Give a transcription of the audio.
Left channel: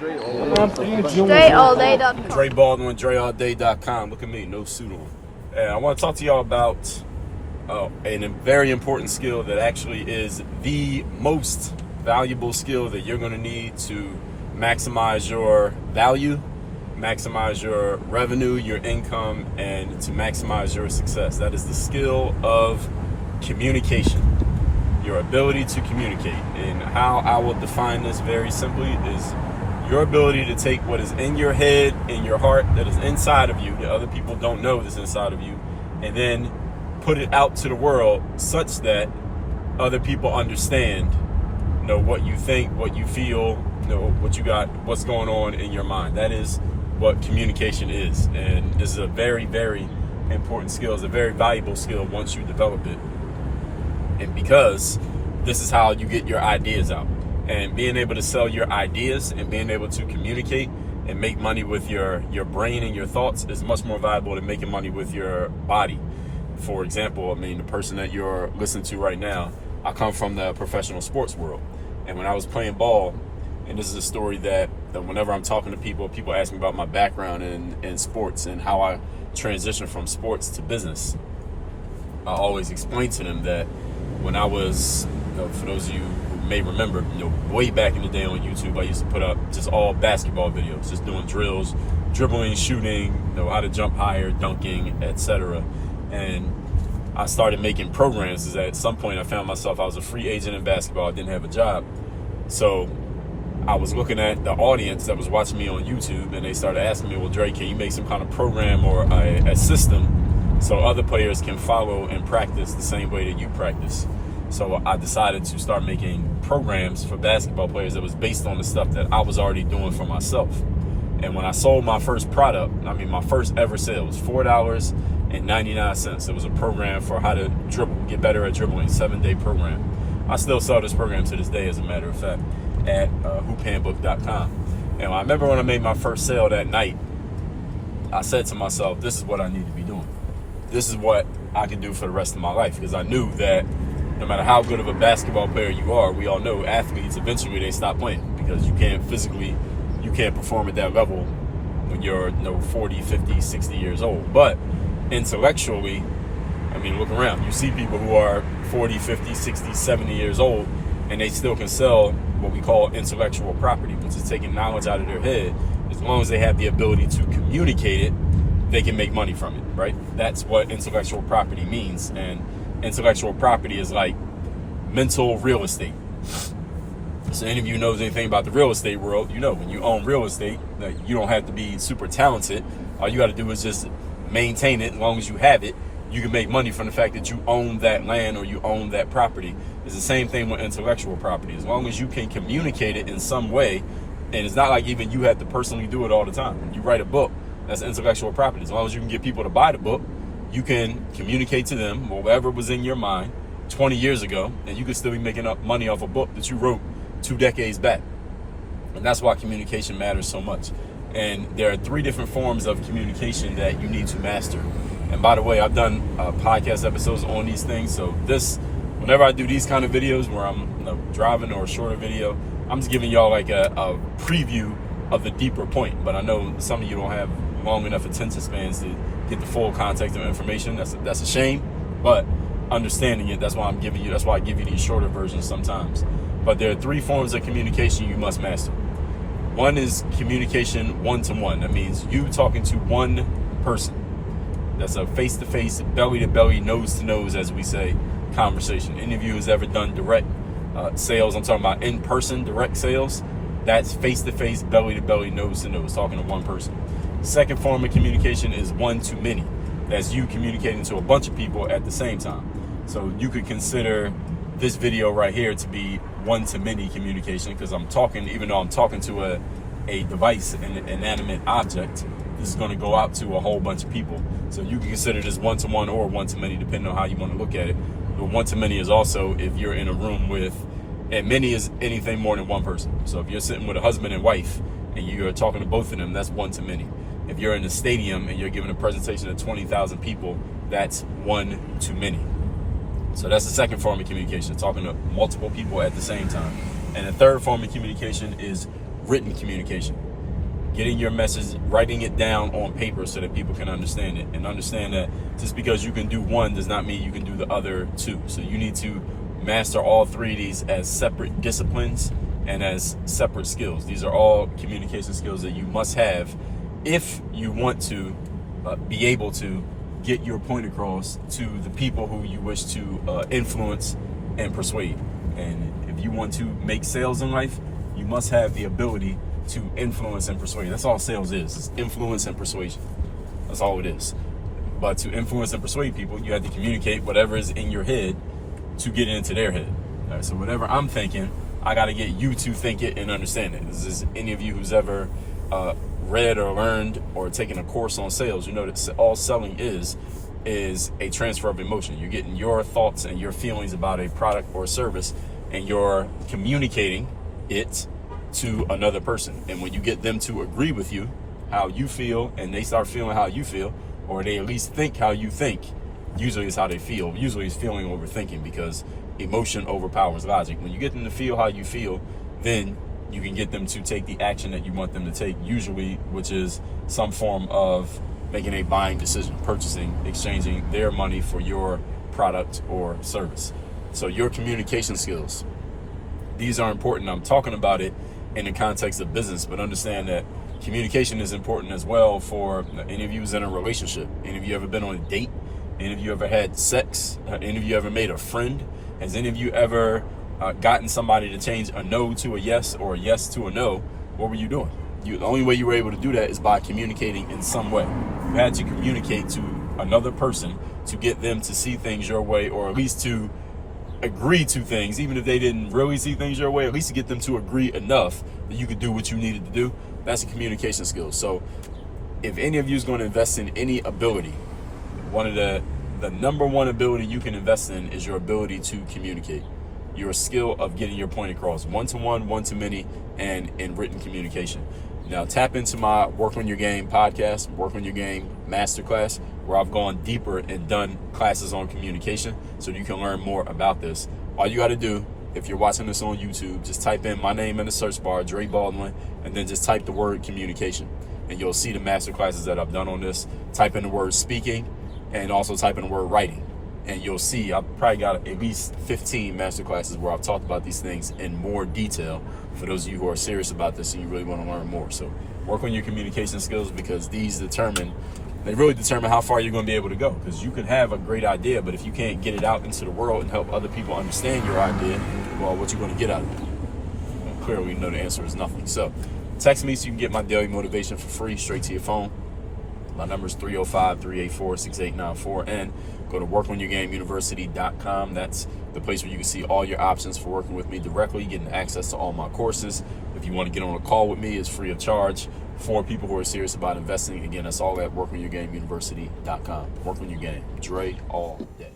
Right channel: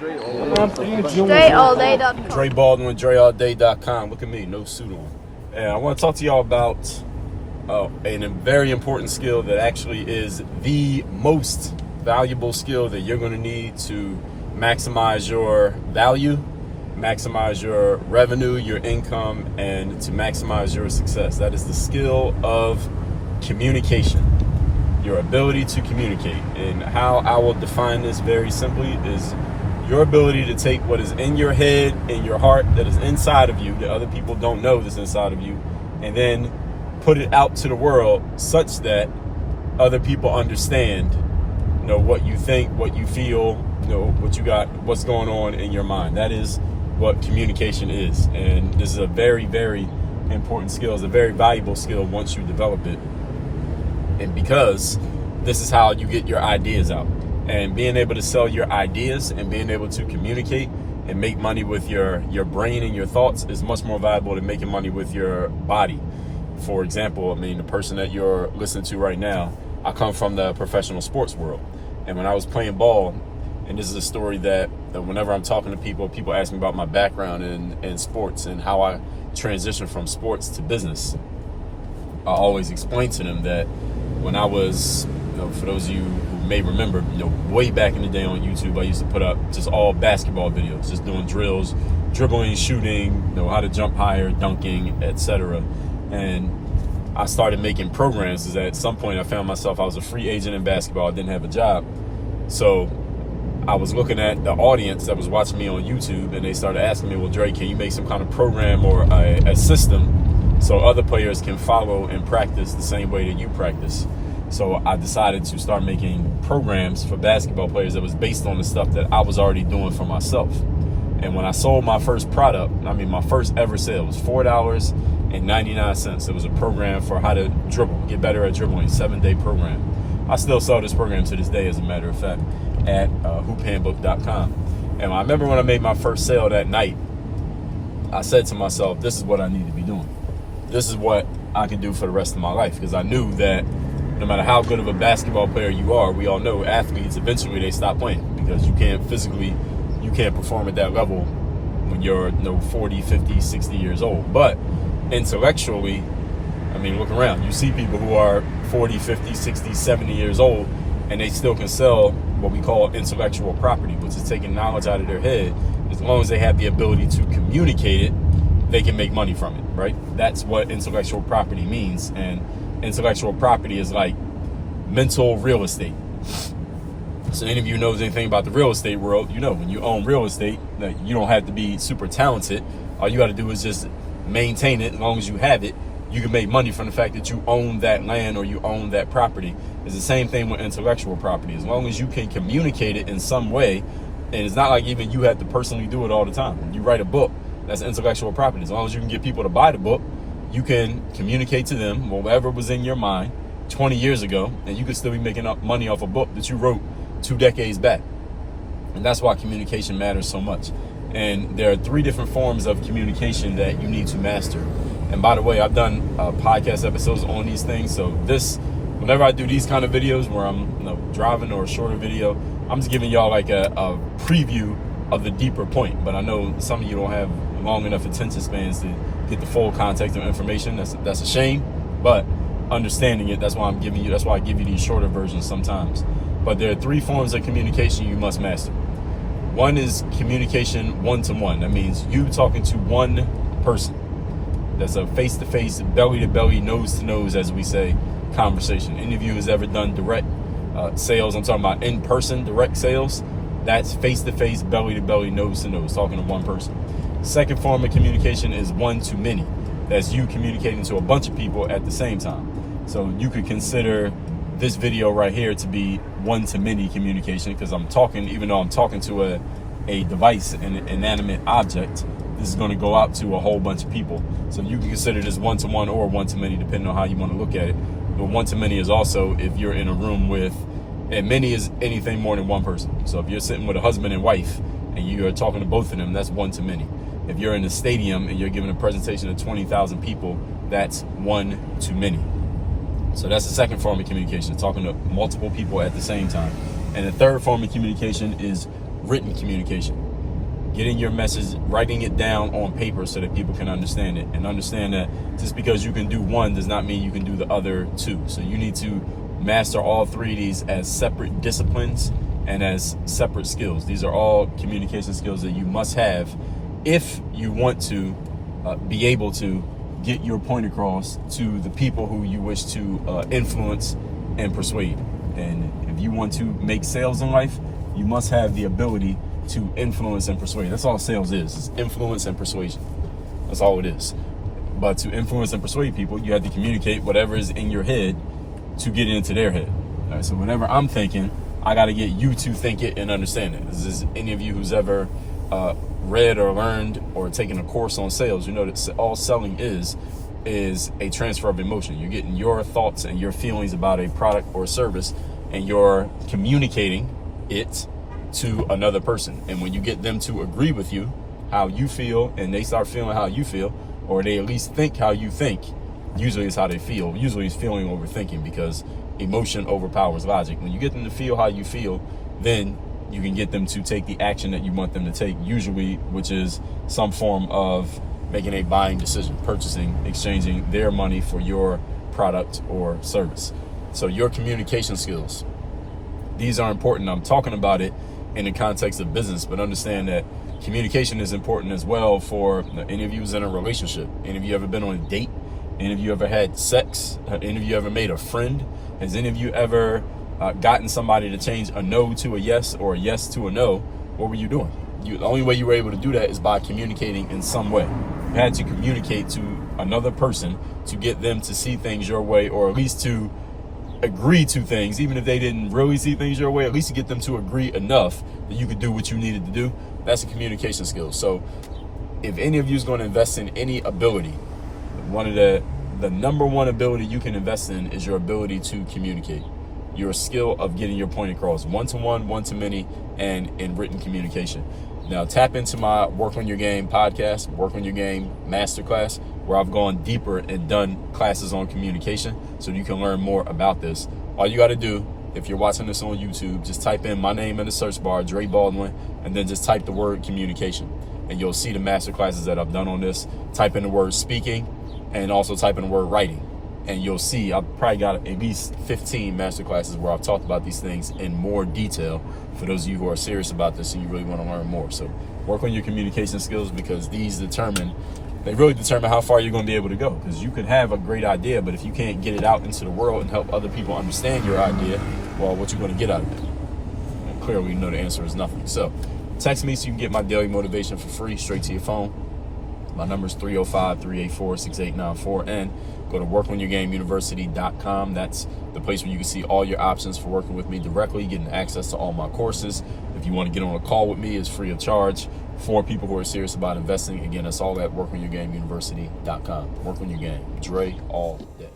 DreAllDay.com. Dre Baldwin with DreAllDay.com. Look at me, no suit on. And I want to talk to y'all about a very important skill that actually is the most valuable skill that you're going to need to maximize your value, maximize your revenue, your income, and to maximize your success. That is the skill of communication, your ability to communicate. And how I will define this very simply is your ability to take what is in your head, in your heart, that is inside of you, that other people don't know that's inside of you, and then put it out to the world such that other people understand, what you think, what you feel, what you got, what's going on in your mind. That is what communication is. And this is a very, very important skill. It's a very valuable skill once you develop it. And because this is how you get your ideas out. And being able to sell your ideas and being able to communicate and make money with your brain and your thoughts is much more valuable than making money with your body. For example, the person that you're listening to right now, I come from the professional sports world. And when I was playing ball, and this is a story that whenever I'm talking to people ask me about my background in sports and how I transitioned from sports to business. I always explain to them that when I was, for those of you who may remember, way back in the day on YouTube, I used to put up just all basketball videos, just doing drills, dribbling, shooting, how to jump higher, dunking, etc. And I started making programs because at some point I found myself, I was a free agent in basketball. I didn't have a job. So I was looking at the audience that was watching me on YouTube, and they started asking me, well, Dre, can you make some kind of program or a system so other players can follow and practice the same way that you practice? So I decided to start making programs for basketball players that was based on the stuff that I was already doing for myself. And when I sold my first product, my first ever sale was $4.99. It was a program for how to dribble, get better at dribbling, 7-day program. I still sell this program to this day, as a matter of fact, at hoophandbook.com. And I remember when I made my first sale that night, I said to myself, this is what I need to be doing. This is what I can do for the rest of my life, because I knew that no matter how good of a basketball player you are, we all know athletes, eventually they stop playing because you can't perform at that level when you're 40, 50, 60 years old. But intellectually, look around. You see people who are 40, 50, 60, 70 years old, and they still can sell what we call intellectual property, which is taking knowledge out of their head. As long as they have the ability to communicate it, they can make money from it, right? That's what intellectual property means. And intellectual property is like mental real estate. So any of you knows anything about the real estate world, when you own real estate, that you don't have to be super talented. All you got to do is just maintain it. As long as you have it, you can make money from the fact that you own that land or you own that property. It's the same thing with intellectual property. As long as you can communicate it in some way, and it's not like even you have to personally do it all the time. When you write a book, that's intellectual property. As long as you can get people to buy the book, you can communicate to them whatever was in your mind 20 years ago, and you could still be making up money off a book that you wrote 2 decades back. And that's why communication matters so much. And there are 3 different forms of communication that you need to master. And by the way, I've done podcast episodes on these things. So whenever I do these kind of videos where I'm driving or a shorter video, I'm just giving y'all like a preview of the deeper point. But I know some of you don't have long enough attention spans to get the full context of information. That's a shame. But understanding it, that's why I give you these shorter versions sometimes. But there are 3 forms of communication you must master. One is communication one-to-one. That means you talking to one person. That's a face-to-face, belly-to-belly, nose-to-nose, as we say, conversation. Any of you who's ever done direct sales, I'm talking about in-person direct sales, that's face-to-face, belly-to-belly, nose-to-nose, talking to one person. Second form of communication is one-to-many. That's you communicating to a bunch of people at the same time. So you could consider this video right here to be one-to-many communication, because I'm talking, even though I'm talking to a device, an inanimate object, this is going to go out to a whole bunch of people. So you can consider this one-to-one or one-to-many, depending on how you want to look at it. But one-to-many is also if you're in a room with, and many is anything more than one person. So if you're sitting with a husband and wife and you're talking to both of them, that's one-to-many. If you're in a stadium and you're giving a presentation to 20,000 people, that's one-to-many. So that's the second form of communication, talking to multiple people at the same time. And the third form of communication is written communication. Getting your message, writing it down on paper so that people can understand it, and understand that just because you can do one does not mean you can do the other two. So you need to master all three of these as separate disciplines and as separate skills. These are all communication skills that you must have if you want to be able to get your point across to the people who you wish to influence and persuade. And if you want to make sales in life, you must have the ability to influence and persuade. That's all sales is. It's influence and persuasion. That's all it is. But to influence and persuade people, you have to communicate whatever is in your head to get it into their head. All right, so whenever I'm thinking, I got to get you to think it and understand it. This is any of you who's ever read or learned or taken a course on sales, you know that all selling is a transfer of emotion. You're getting your thoughts and your feelings about a product or service, and you're communicating it to another person. And when you get them to agree with you, how you feel, and they start feeling how you feel, or they at least think how you think, usually it's how they feel. Usually it's feeling over thinking, because emotion overpowers logic. When you get them to feel how you feel, then you can get them to take the action that you want them to take, usually, which is some form of making a buying decision, purchasing, exchanging their money for your product or service. So your communication skills, these are important. I'm talking about it in the context of business, but understand that communication is important as well for any of you who's in a relationship. Any of you ever been on a date? Any of you ever had sex? Any of you ever made a friend? Has any of you ever gotten somebody to change a no to a yes or a yes to a no? What were you doing? The only way you were able to do that is by communicating in some way. You had to communicate to another person to get them to see things your way, or at least to agree to things, even if they didn't really see things your way, at least to get them to agree enough that you could do what you needed to do. That's a communication skill. So if any of you is going to invest in any ability, one of the number one ability you can invest in is your ability to communicate. Your skill of getting your point across, one-to-one, one-to-many, and in written communication. Now tap into my Work on Your Game podcast, Work on Your Game masterclass, where I've gone deeper and done classes on communication so you can learn more about this. All you got to do, if you're watching this on YouTube, just type in my name in the search bar, Dre Baldwin, and then just type the word communication, and you'll see the masterclasses that I've done on this. Type in the word speaking, and also type in the word writing, and you'll see I've probably got at least 15 masterclasses where I've talked about these things in more detail for those of you who are serious about this and you really want to learn more. So work on your communication skills, because these really determine how far you're going to be able to go. Because you could have a great idea, but if you can't get it out into the world and help other people understand your idea, well, what you going to get out of it? And clearly, you know the answer is nothing. So text me so you can get my daily motivation for free straight to your phone. My number is 305-384-6894, and go to workonyourgameuniversity.com. That's the place where you can see all your options for working with me directly, getting access to all my courses. If you want to get on a call with me, it's free of charge for people who are serious about investing. Again, that's all at workonyourgameuniversity.com. Work on your game. Dre all day.